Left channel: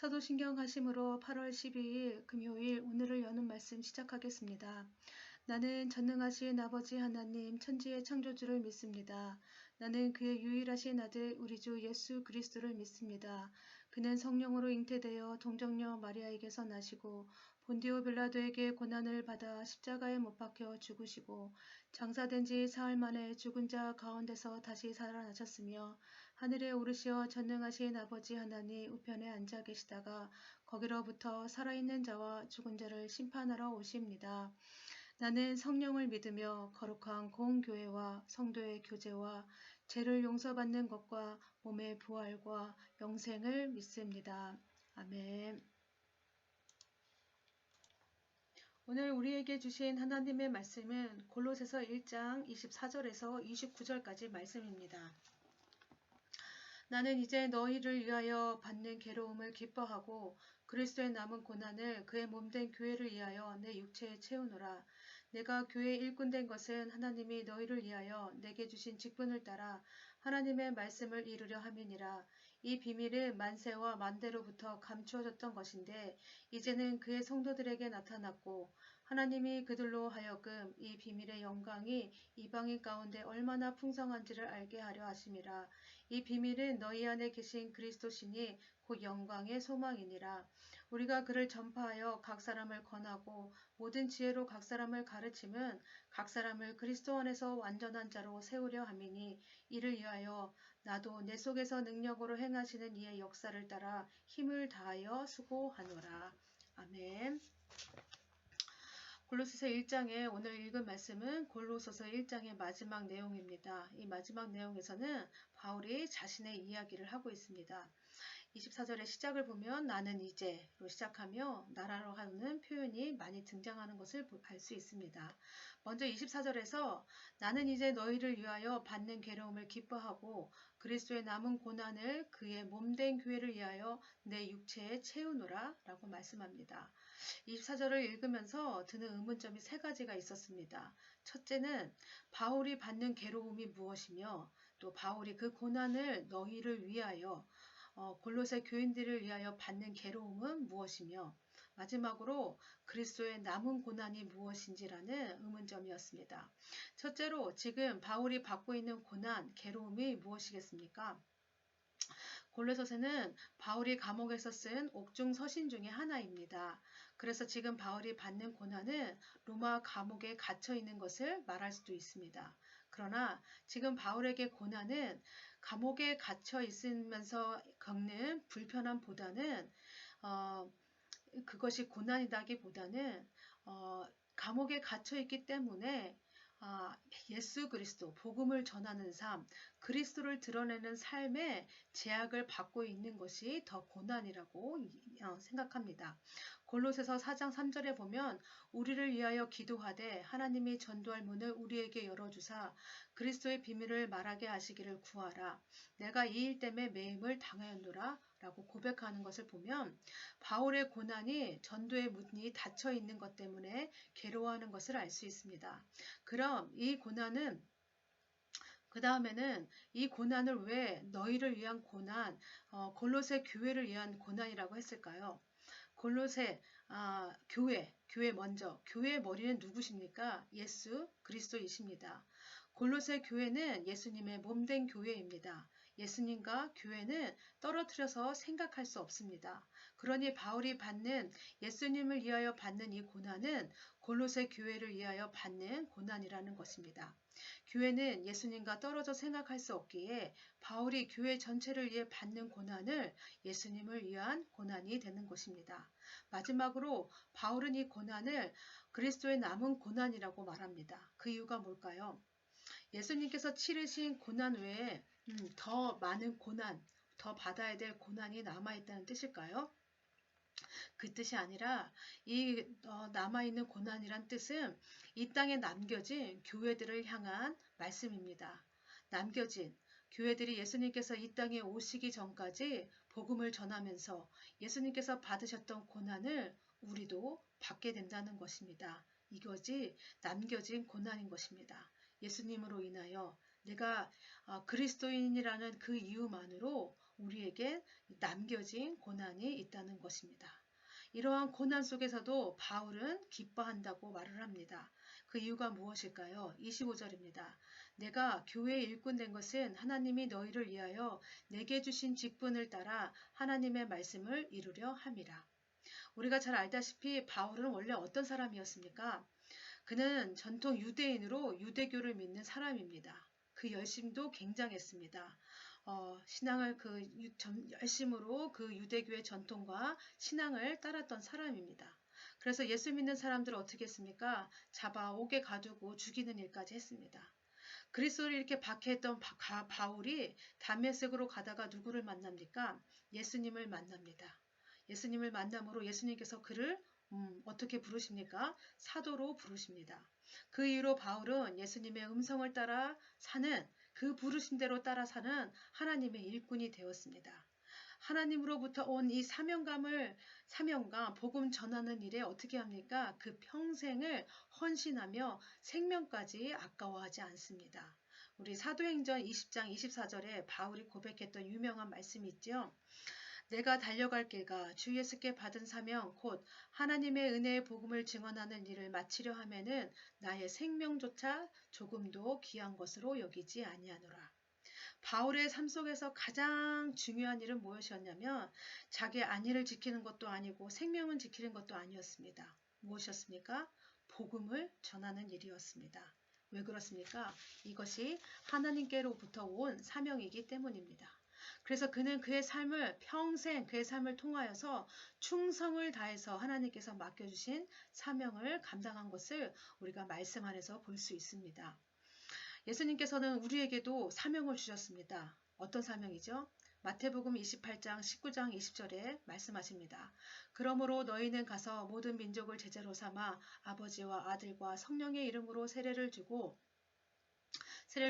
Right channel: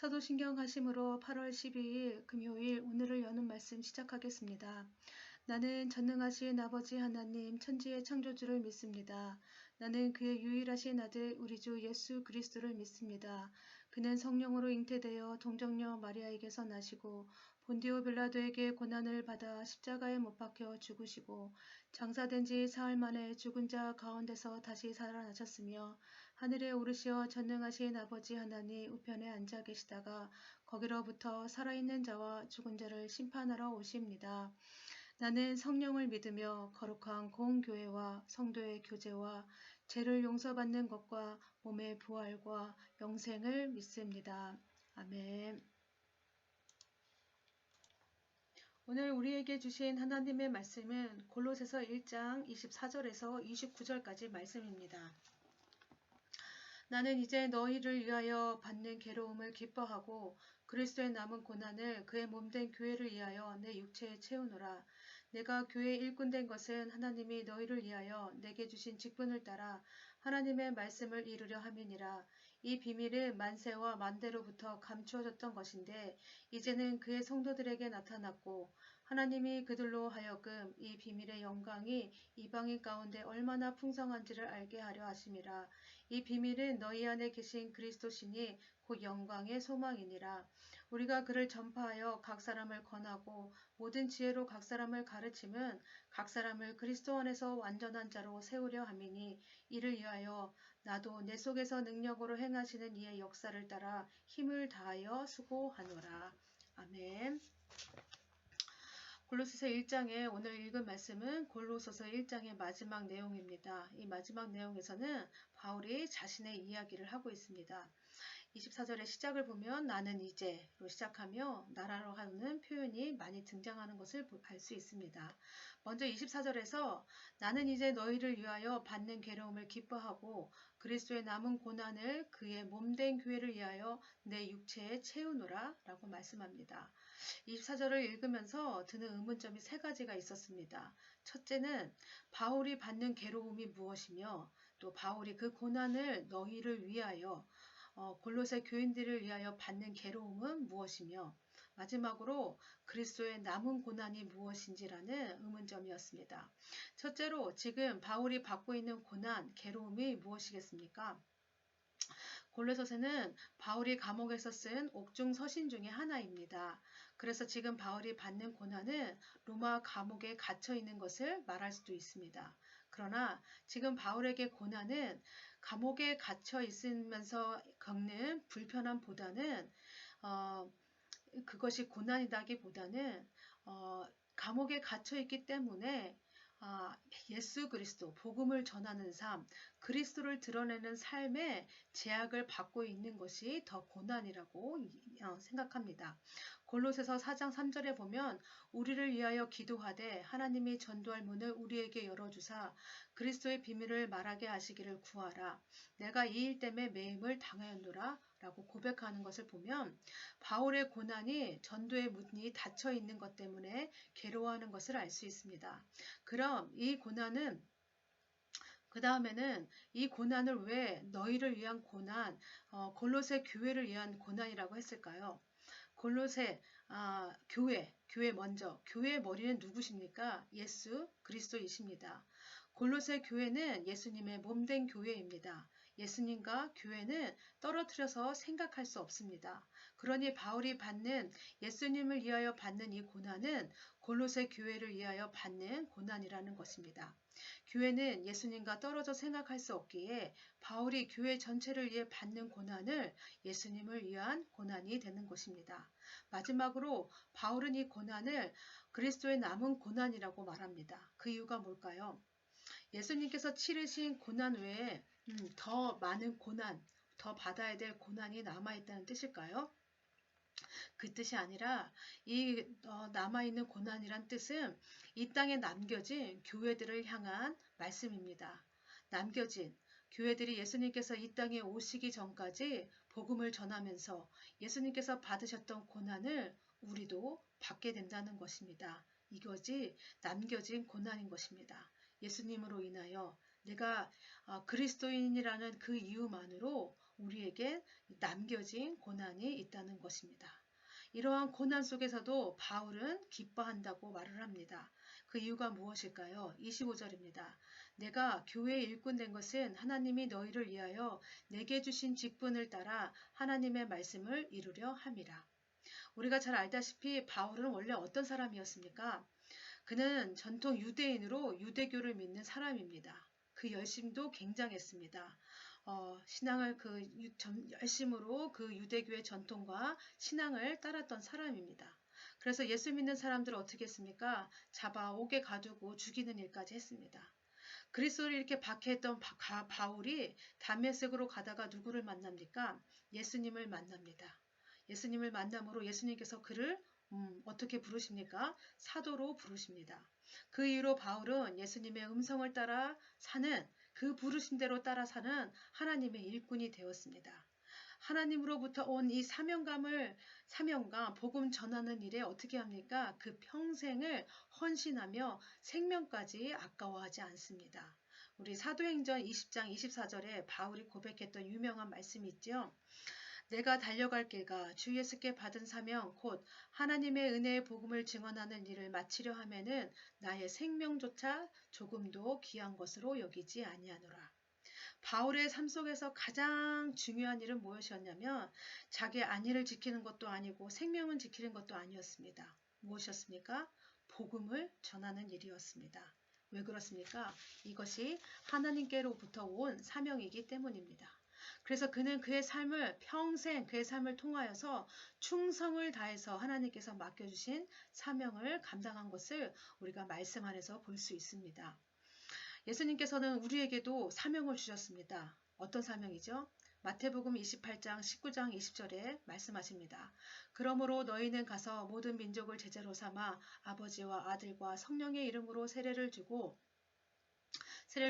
사도신경 하심으로 8월 12일 금요일 오늘을 여는 말씀 시작하겠습니다. 나는 전능하신 아버지 하나님 천지의 창조주를 믿습니다. 나는 그의 유일하신 아들 우리 주 예수 그리스도를 믿습니다. 그는 성령으로 잉태되어 동정녀 마리아에게서 나시고 본디오 빌라도에게 고난을 받아 십자가에 못 박혀 죽으시고 장사된 지 사흘 만에 죽은 자 가운데서 다시 살아나셨으며 하늘에 오르시어 전능하신 아버지 하나님 우편에 앉아 계시다가 거기로부터 살아있는 자와 죽은 자를 심판하러 오십니다. 나는 성령을 믿으며 거룩한 공교회와 성도의 교제와 죄를 용서받는 것과 몸의 부활과 영생을 믿습니다. 아멘. 오늘 우리에게 주신 하나님의 말씀은 골로새서 1장 24절에서 29절까지 말씀입니다. 나는 이제 너희를 위하여 받는 괴로움을 기뻐하고 그리스도의 남은 고난을 그의 몸된 교회를 위하여 내 육체에 채우노라. 내가 교회의 일꾼 된 것은 하나님이 너희를 위하여 내게 주신 직분을 따라 하나님의 말씀을 이루려 함이니라. 이 비밀은 만세와 만대로부터 감추어졌던 것인데 이제는 그의 성도들에게 나타났고 하나님이 그들로 하여금 이 비밀의 영광이 이방인 가운데 얼마나 풍성한지를 알게 하려 하심이라. 이 비밀은 너희 안에 계신 그리스도시니 곧 영광의 소망이니라. 우리가 그를 전파하여 각 사람을 권하고 모든 지혜로 각 사람을 가르침은 각 사람을 그리스도 안에서 완전한 자로 세우려 함이니 이를 위하여 나도 내 속에서 능력으로 행하시는 이의 역사를 따라 힘을 다하여 수고하노라. 아멘. 골로새서 1장에 오늘 읽은 말씀은 골로새서 1장의 마지막 내용입니다. 이 마지막 내용에서는 바울이 자신의 이야기를 하고 있습니다. 24절의 시작을 보면 나는 이제로 시작하며 나라로 하는 표현이 많이 등장하는 것을 알 수 있습니다. 먼저 24절에서 나는 이제 너희를 위하여 받는 괴로움을 기뻐하고 그리스도의 남은 고난을 그의 몸된 교회를 위하여 내 육체에 채우노라 라고 말씀합니다. 24절을 읽으면서 드는 의문점이 세 가지가 있었습니다. 첫째는 바울이 받는 괴로움이 무엇이며 또 바울이 그 고난을 너희를 위하여 골로새 교인들을 위하여 받는 괴로움은 무엇이며 마지막으로 그리스도의 남은 고난이 무엇인지라는 의문점이었습니다. 첫째로 지금 바울이 받고 있는 고난, 괴로움이 무엇이겠습니까? 골로새서는 바울이 감옥에서 쓴 옥중 서신 중에 하나입니다. 그래서 지금 바울이 받는 고난은 로마 감옥에 갇혀 있는 것을 말할 수도 있습니다. 그러나 지금 바울에게 고난은 감옥에 갇혀 있으면서 겪는 불편함보다는 그것이 고난이다기보다는 감옥에 갇혀 있기 때문에 예수 그리스도, 복음을 전하는 삶, 그리스도를 드러내는 삶에 제약을 받고 있는 것이 더 고난이라고 생각합니다. 골로새서 4장 3절에 보면 우리를 위하여 기도하되 하나님이 전도할 문을 우리에게 열어주사 그리스도의 비밀을 말하게 하시기를 구하라. 내가 이 일 때문에 매임을 당하였노라 라고 고백하는 것을 보면 바울의 고난이 전도의 문이 닫혀 있는 것 때문에 괴로워하는 것을 알 수 있습니다. 그럼 이 고난은 그 다음에는 이 고난을 왜 너희를 위한 고난, 골로새 교회를 위한 고난이라고 했을까요? 골로새 교회 먼저 교회의 머리는 누구십니까? 예수 그리스도이십니다. 골로새 교회는 예수님의 몸된 교회입니다. 예수님과 교회는 떨어뜨려서 생각할 수 없습니다. 그러니 바울이 받는 예수님을 위하여 받는 이 고난은 골로새 교회를 위하여 받는 고난이라는 것입니다. 교회는 예수님과 떨어져 생각할 수 없기에 바울이 교회 전체를 위해 받는 고난을 예수님을 위한 고난이 되는 것입니다. 마지막으로 바울은 이 고난을 그리스도의 남은 고난이라고 말합니다. 그 이유가 뭘까요? 예수님께서 치르신 고난 외에 더 많은 고난, 더 받아야 될 고난이 남아있다는 뜻일까요? 그 뜻이 아니라 이 남아있는 고난이란 뜻은 이 땅에 남겨진 교회들을 향한 말씀입니다. 남겨진 교회들이 예수님께서 이 땅에 오시기 전까지 복음을 전하면서 예수님께서 받으셨던 고난을 우리도 받게 된다는 것입니다. 이것이 남겨진 고난인 것입니다. 예수님으로 인하여 내가 그리스도인이라는 그 이유만으로 우리에게 남겨진 고난이 있다는 것입니다. 이러한 고난 속에서도 바울은 기뻐한다고 말을 합니다. 그 이유가 무엇일까요? 25절입니다. 내가 교회의 일꾼 된 것은 하나님이 너희를 위하여 내게 주신 직분을 따라 하나님의 말씀을 이루려 함이라. 우리가 잘 알다시피 바울은 원래 어떤 사람이었습니까? 그는 전통 유대인으로 유대교를 믿는 사람입니다. 그 열심도 굉장했습니다. 신앙을 열심으로 그 유대교의 전통과 신앙을 따랐던 사람입니다. 그래서 예수 믿는 사람들을 어떻게 했습니까? 잡아 옥에 가두고 죽이는 일까지 했습니다. 그리스도를 이렇게 박해했던 바울이 다메섹으로 가다가 누구를 만납니까? 예수님을 만납니다. 예수님을 만남으로 예수님께서 그를 어떻게 부르십니까? 사도로 부르십니다. 그 이후로 바울은 예수님의 음성을 따라 사는 그 부르심대로 따라 사는 하나님의 일꾼이 되었습니다. 하나님으로부터 온 이 사명감, 복음 전하는 일에 어떻게 합니까? 그 평생을 헌신하며 생명까지 아까워하지 않습니다. 우리 사도행전 20장 24절에 바울이 고백했던 유명한 말씀이 있죠. 내가 달려갈 길과 주 예수께 받은 사명 곧 하나님의 은혜의 복음을 증언하는 일을 마치려 하면은 나의 생명조차 조금도 귀한 것으로 여기지 아니하노라. 바울의 삶 속에서 가장 중요한 일은 무엇이었냐면 자기 안위를 지키는 것도 아니고 생명을 지키는 것도 아니었습니다. 무엇이었습니까? 복음을 전하는 일이었습니다. 왜 그렇습니까? 이것이 하나님께로부터 온 사명이기 때문입니다. 그래서 그는 그의 삶을 평생 그의 삶을 통하여서 충성을 다해서 하나님께서 맡겨주신 사명을 감당한 것을 우리가 말씀 안에서 볼 수 있습니다. 예수님께서는 우리에게도 사명을 주셨습니다. 어떤 사명이죠? 마태복음 28장 19장 20절에 말씀하십니다. 그러므로 너희는 가서 모든 민족을 제자로 삼아 아버지와 아들과 성령의 이름으로 세례를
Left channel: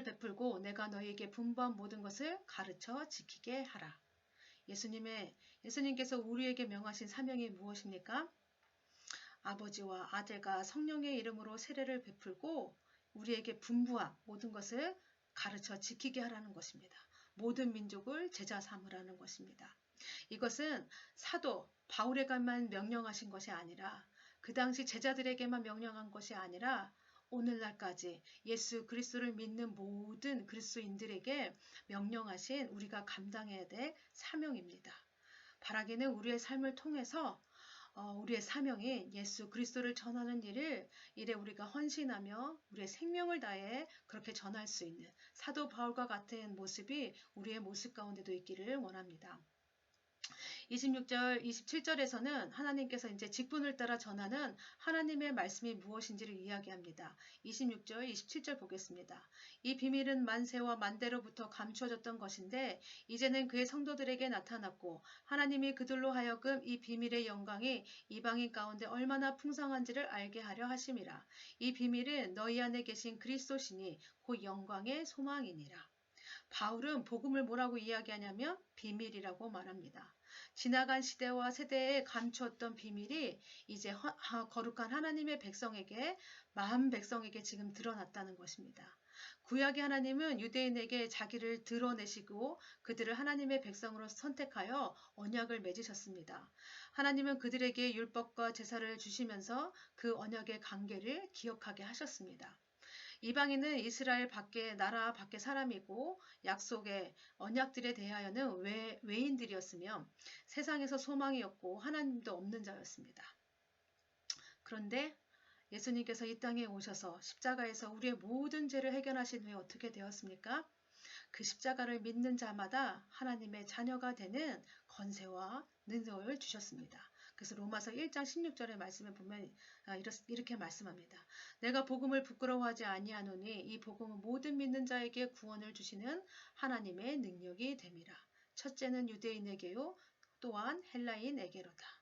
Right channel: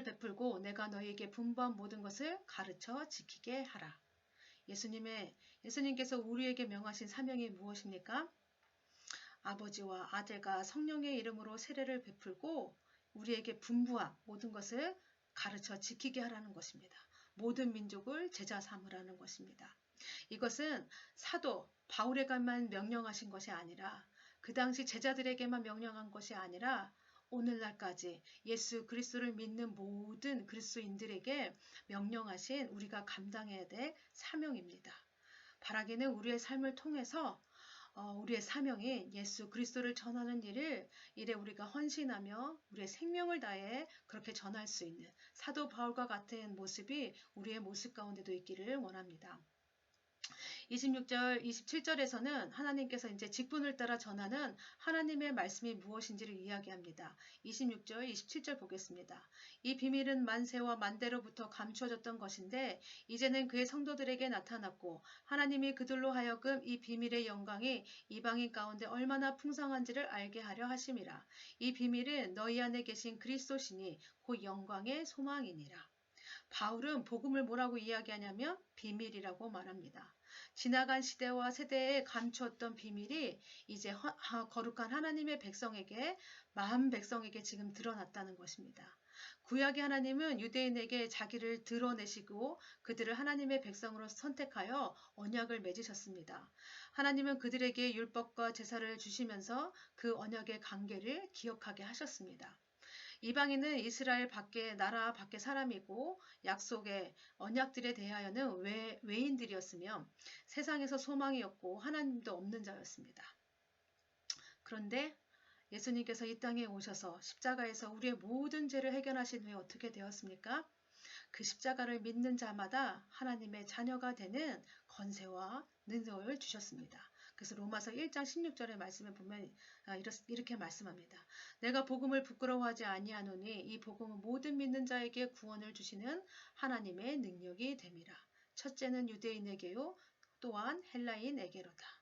베풀고 내가 너희에게 분부한 모든 것을 가르쳐 지키게 하라. 예수님께서 우리에게 명하신 사명이 무엇입니까? 아버지와 아들과 성령의 이름으로 세례를 베풀고 우리에게 분부한 모든 것을 가르쳐 지키게 하라는 것입니다. 모든 민족을 제자 삼으라는 것입니다. 이것은 사도 바울에게만 명령하신 것이 아니라 그 당시 제자들에게만 명령한 것이 아니라 오늘날까지 예수 그리스도를 믿는 모든 그리스도인들에게 명령하신 우리가 감당해야 될 사명입니다. 바라기는 우리의 삶을 통해서 우리의 사명인 예수 그리스도를 전하는 일에 우리가 헌신하며 우리의 생명을 다해 그렇게 전할 수 있는 사도 바울과 같은 모습이 우리의 모습 가운데도 있기를 원합니다. 26절, 27절에서는 하나님께서 이제 직분을 따라 전하는 하나님의 말씀이 무엇인지를 이야기합니다. 26절, 27절 보겠습니다. 이 비밀은 만세와 만대로부터 감추어졌던 것인데 이제는 그의 성도들에게 나타났고 하나님이 그들로 하여금 이 비밀의 영광이 이방인 가운데 얼마나 풍성한지를 알게 하려 하심이라. 이 비밀은 너희 안에 계신 그리스도시니 곧 영광의 소망이니라. 바울은 복음을 뭐라고 이야기하냐면 비밀이라고 말합니다. 지나간 시대와 세대에 감추었던 비밀이 이제 거룩한 하나님의 백성에게 마음 백성에게 지금 드러났다는 것입니다. 구약의 하나님은 유대인에게 자기를 드러내시고 그들을 하나님의 백성으로 선택하여 언약을 맺으셨습니다. 하나님은 그들에게 율법과 제사를 주시면서 그 언약의 관계를 기억하게 하셨습니다. 이방인은 이스라엘 밖에 나라 밖에 사람이고 약속의 언약들에 대하여는 외인들이었으며 세상에서 소망이 없고 하나님도 없는 자였습니다. 그런데 예수님께서 이 땅에 오셔서 십자가에서 우리의 모든 죄를 해결하신 후에 어떻게 되었습니까? 그 십자가를 믿는 자마다 하나님의 자녀가 되는 권세와 능력을 주셨습니다. 그래서 로마서 1장 16절의 말씀을 보면 이렇게 말씀합니다. 내가 복음을 부끄러워하지 아니하노니 이 복음은 모든 믿는 자에게 구원을 주시는 하나님의 능력이 됨이라. 첫째는 유대인에게요 또한 헬라인에게로다.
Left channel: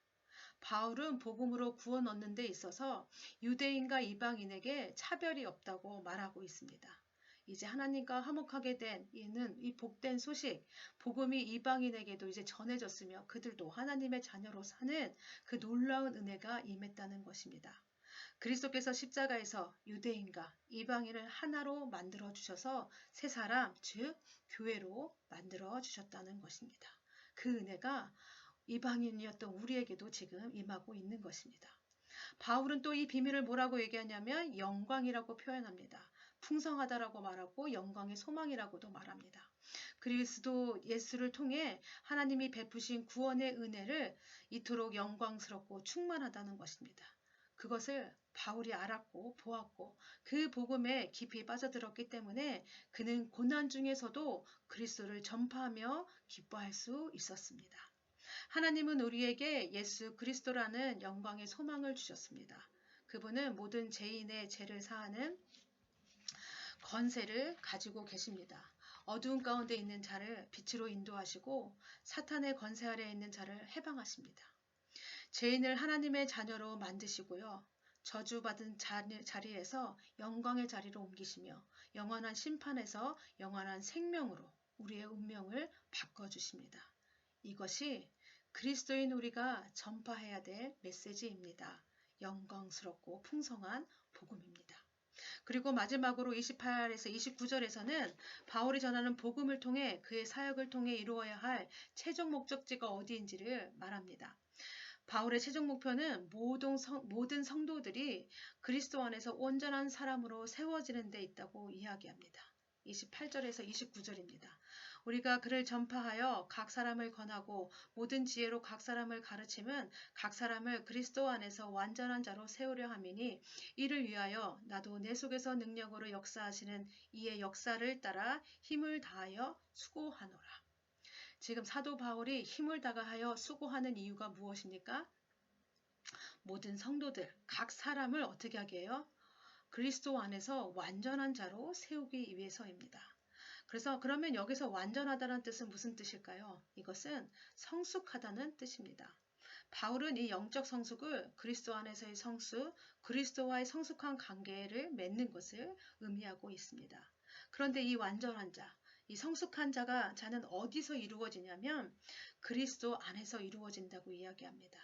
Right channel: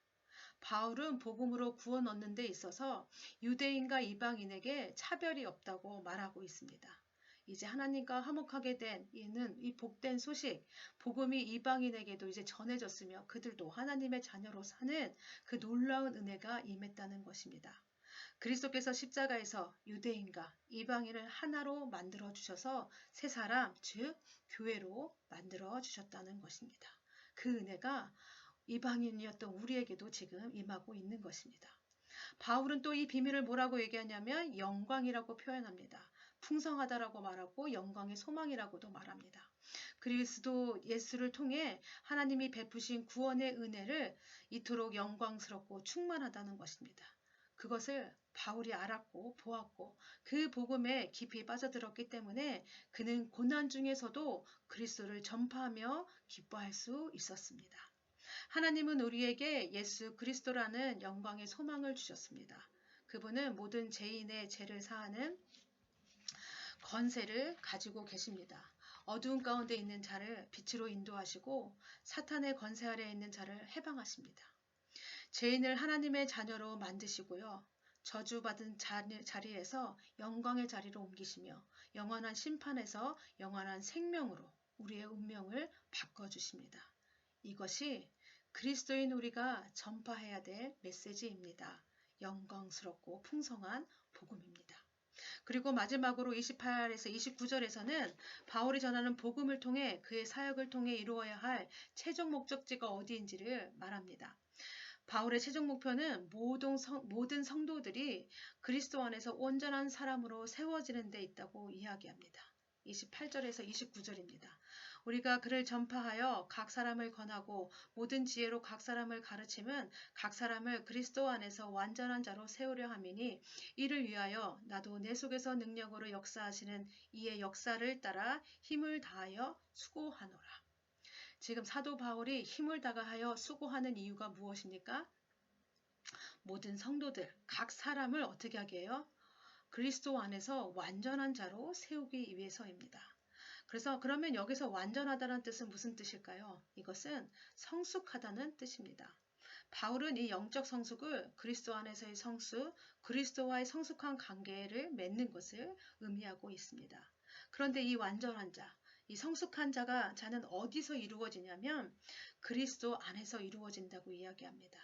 바울은 복음으로 구원 얻는 데 있어서 유대인과 이방인에게 차별이 없다고 말하고 있습니다. 이제 하나님과 화목하게 된 이 복된 소식, 복음이 이방인에게도 이제 전해졌으며 그들도 하나님의 자녀로 사는 그 놀라운 은혜가 임했다는 것입니다. 그리스도께서 십자가에서 유대인과 이방인을 하나로 만들어 주셔서 새 사람, 즉 교회로 만들어 주셨다는 것입니다. 그 은혜가 이방인이었던 우리에게도 지금 임하고 있는 것입니다. 바울은 또 이 비밀을 뭐라고 얘기하냐면 영광이라고 표현합니다. 풍성하다라고 말하고 영광의 소망이라고도 말합니다. 그리스도 예수를 통해 하나님이 베푸신 구원의 은혜를 이토록 영광스럽고 충만하다는 것입니다. 그것을 바울이 알았고 보았고 그 복음에 깊이 빠져들었기 때문에 그는 고난 중에서도 그리스도를 전파하며 기뻐할 수 있었습니다. 하나님은 우리에게 예수 그리스도라는 영광의 소망을 주셨습니다. 그분은 모든 죄인의 죄를 사하는 권세를 가지고 계십니다. 어두운 가운데 있는 자를 빛으로 인도하시고 사탄의 권세 아래에 있는 자를 해방하십니다. 죄인을 하나님의 자녀로 만드시고요. 저주받은 자리에서 영광의 자리로 옮기시며 영원한 심판에서 영원한 생명으로 우리의 운명을 바꿔주십니다. 이것이 그리스도인 우리가 전파해야 될 메시지입니다. 영광스럽고 풍성한 복음입니다. 그리고 마지막으로 28에서 29절에서는 바울이 전하는 복음을 통해 그의 사역을 통해 이루어야 할 최종 목적지가 어디인지를 말합니다. 바울의 최종 목표는 모든 성도들이 그리스도 안에서 온전한 사람으로 세워지는 데 있다고 이야기합니다. 28절에서 29절입니다. 우리가 그를 전파하여 각 사람을 권하고 모든 지혜로 각 사람을 가르침은 각 사람을 그리스도 안에서 완전한 자로 세우려 함이니 이를 위하여 나도 내 속에서 능력으로 역사하시는 이의 역사를 따라 힘을 다하여 수고하노라. 지금 사도 바울이 힘을 다하여 수고하는 이유가 무엇입니까? 모든 성도들, 각 사람을 어떻게 하게 해요? 그리스도 안에서 완전한 자로 세우기 위해서입니다. 그래서 그러면 여기서 완전하다는 뜻은 무슨 뜻일까요? 이것은 성숙하다는 뜻입니다. 바울은 이 영적 성숙을 그리스도 안에서의 성숙, 그리스도와의 성숙한 관계를 맺는 것을 의미하고 있습니다. 그런데 이 완전한 자, 이 성숙한 자는 어디서 이루어지냐면 그리스도 안에서 이루어진다고 이야기합니다.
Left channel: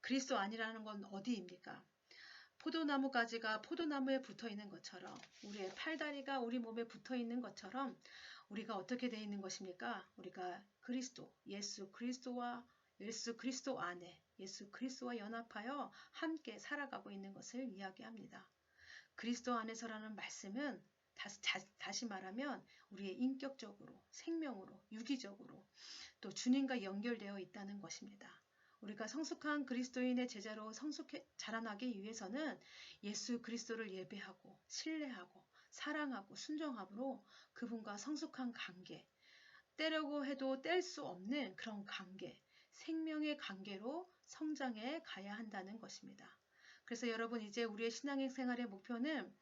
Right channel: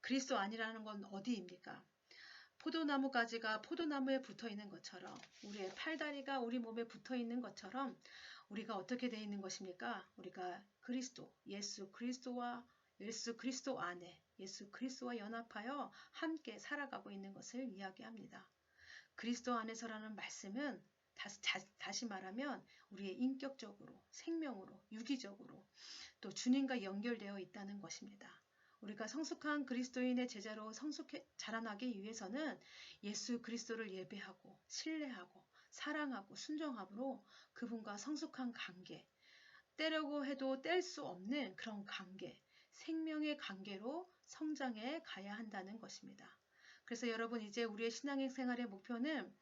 그리스도 안이라는 건 어디입니까? 포도나무 가지가 포도나무에 붙어 있는 것처럼 우리의 팔다리가 우리 몸에 붙어 있는 것처럼 우리가 어떻게 되어 있는 것입니까? 우리가 그리스도, 예수 그리스도 안에 예수 그리스도와 연합하여 함께 살아가고 있는 것을 이야기합니다. 그리스도 안에서라는 말씀은 다시 말하면 우리의 인격적으로, 생명으로, 유기적으로 또 주님과 연결되어 있다는 것입니다. 우리가 성숙한 그리스도인의 제자로 자라나기 위해서는 예수 그리스도를 예배하고 신뢰하고 사랑하고 순종함으로 그분과 성숙한 관계, 떼려고 해도 뗄 수 없는 그런 관계, 생명의 관계로 성장해 가야 한다는 것입니다. 그래서 여러분 이제 우리의 신앙의 생활의 목표는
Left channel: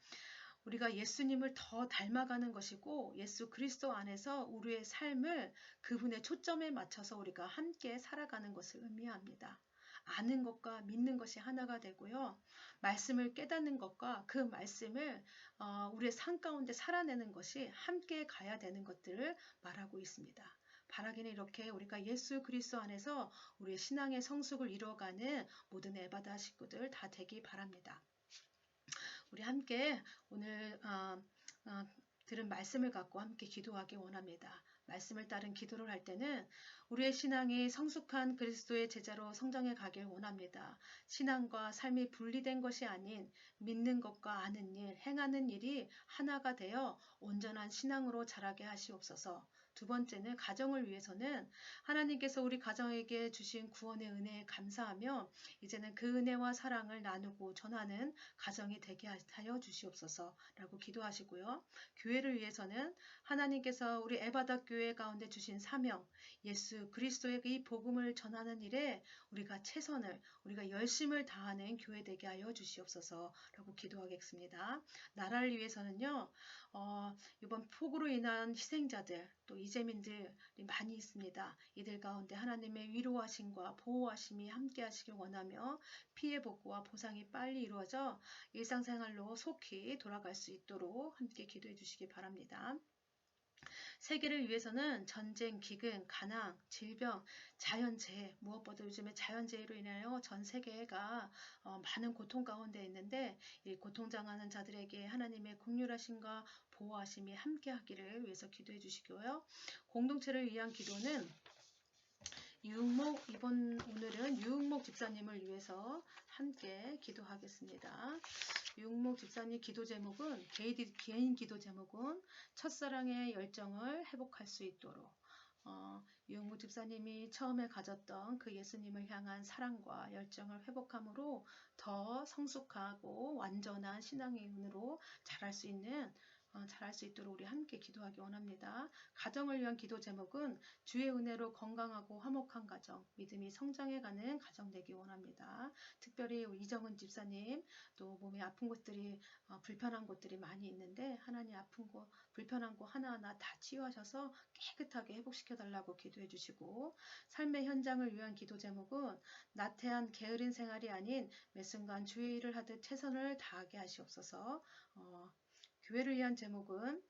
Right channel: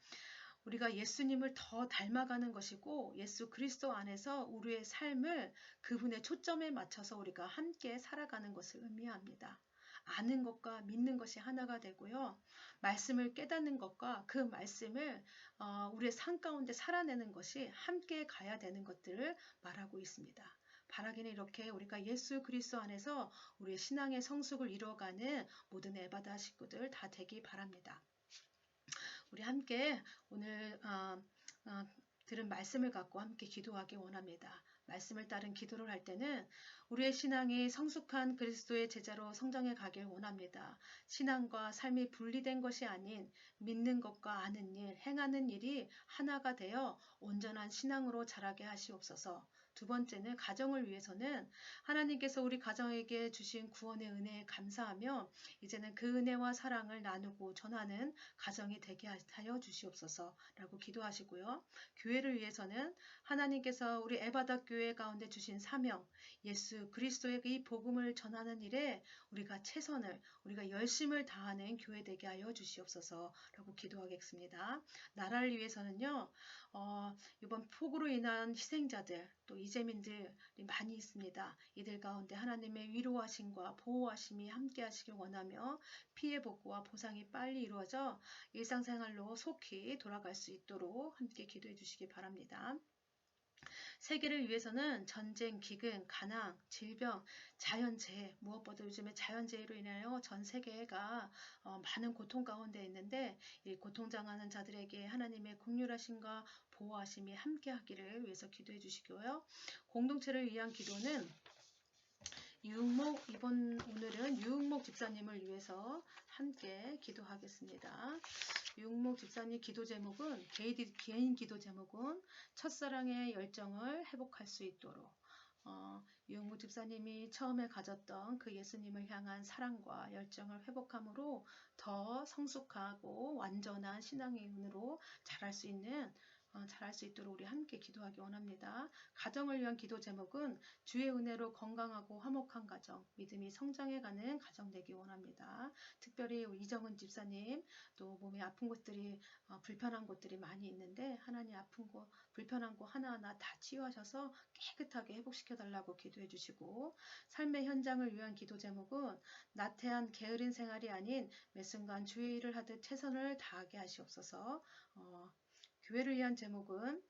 우리가 예수님을 더 닮아가는 것이고 예수 그리스도 안에서 우리의 삶을 그분의 초점에 맞춰서 우리가 함께 살아가는 것을 의미합니다. 아는 것과 믿는 것이 하나가 되고요. 말씀을 깨닫는 것과 그 말씀을 우리의 삶 가운데 살아내는 것이 함께 가야 되는 것들을 말하고 있습니다. 바라기는 이렇게 우리가 예수 그리스도 안에서 우리의 신앙의 성숙을 이루어가는 모든 에바다 식구들 다 되기 바랍니다. 우리 함께 오늘 들은 말씀을 갖고 함께 기도하기 원합니다. 말씀을 따른 기도를 할 때는 우리의 신앙이 성숙한 그리스도의 제자로 성장해 가길 원합니다. 신앙과 삶이 분리된 것이 아닌 믿는 것과 아는 일, 행하는 일이 하나가 되어 온전한 신앙으로 자라게 하시옵소서. 두 번째는 가정을 위해서는 하나님께서 우리 가정에게 주신 구원의 은혜에 감사하며 이제는 그 은혜와 사랑을 나누고 전하는 가정이 되게 하여 주시옵소서라고 기도하시고요. 교회를 위해서는 하나님께서 우리 에바다 교회 가운데 주신 사명, 예수 그리스도의 이 복음을 전하는 일에 우리가 최선을, 우리가 열심을 다하는 교회 되게 하여 주시옵소서라고 기도하겠습니다. 나라를 위해서는요, 이번 폭우로 인한 희생자들, 또 이재민들이 많이 있습니다. 이들 가운데 하나님의 위로하심과 보호하심이 함께 하시길 원하며 피해 복구와 보상이 빨리 이루어져 일상생활로 속히 돌아갈 수 있도록 함께 기도해 주시기 바랍니다. 세계를 위해서는 전쟁, 기근, 가난, 질병, 자연재해, 무엇보다 요즘에 자연재해로 인하여 전 세계가 많은 고통 가운데 있는데 이 고통당하는 자들에게 하나님의 긍휼하심과 보호하심이 함께 하기를 위해서 기도해 주시고요. 공동체를 위한 기도는 오늘은 유흥목 집사님을 위해서 함께 기도하겠습니다. 유흥목 집사님 기도 제목은, 개인 기도 제목은 첫사랑의 열정을 회복할 수 있도록, 유흥목 집사님이 처음에 가졌던 그 예수님을 향한 사랑과 열정을 회복함으로 더 성숙하고 완전한 신앙인으로 자랄 수 있도록 우리 함께 기도하기 원합니다. 가정을 위한 기도 제목은 주의 은혜로 건강하고 화목한 가정, 믿음이 성장해가는 가정 되기 원합니다. 특별히 이정은 집사님, 또 몸에 아픈 곳들이, 불편한 곳들이 많이 있는데 하나님 아픈 곳, 불편한 곳 하나하나 다 치유하셔서 깨끗하게 회복시켜달라고 기도해 주시고, 삶의 현장을 위한 기도 제목은 나태한 게으른 생활이 아닌 매 순간 주의 일을 하듯 최선을 다하게 하시옵소서. 교회를 위한 제목은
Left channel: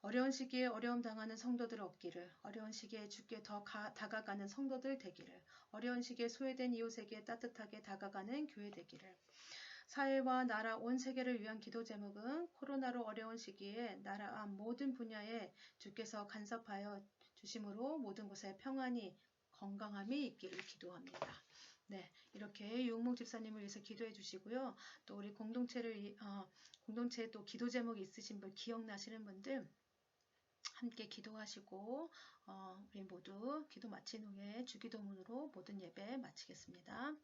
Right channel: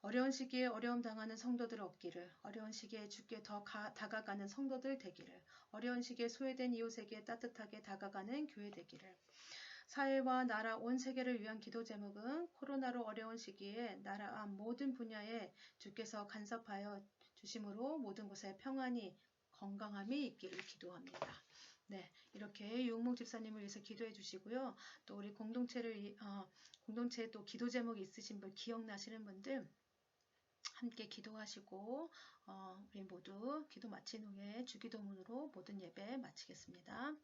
어려운 시기에 어려움 당하는 성도들 없기를, 어려운 시기에 주께 더 다가가는 성도들 되기를, 어려운 시기에 소외된 이웃에게 따뜻하게 다가가는 교회 되기를. 사회와 나라 온 세계를 위한 기도 제목은 코로나로 어려운 시기에 나라 모든 분야에 주께서 간섭하여 주심으로 모든 곳에 평안이 건강함이 있기를 기도합니다. 네, 이렇게 유흥목 집사님을 위해서 기도해 주시고요. 또 우리 공동체에 또 기도 제목이 있으신 분, 기억나시는 분들 함께 기도하시고, 우리 모두 기도 마친 후에 주기도문으로 모든 예배 마치겠습니다.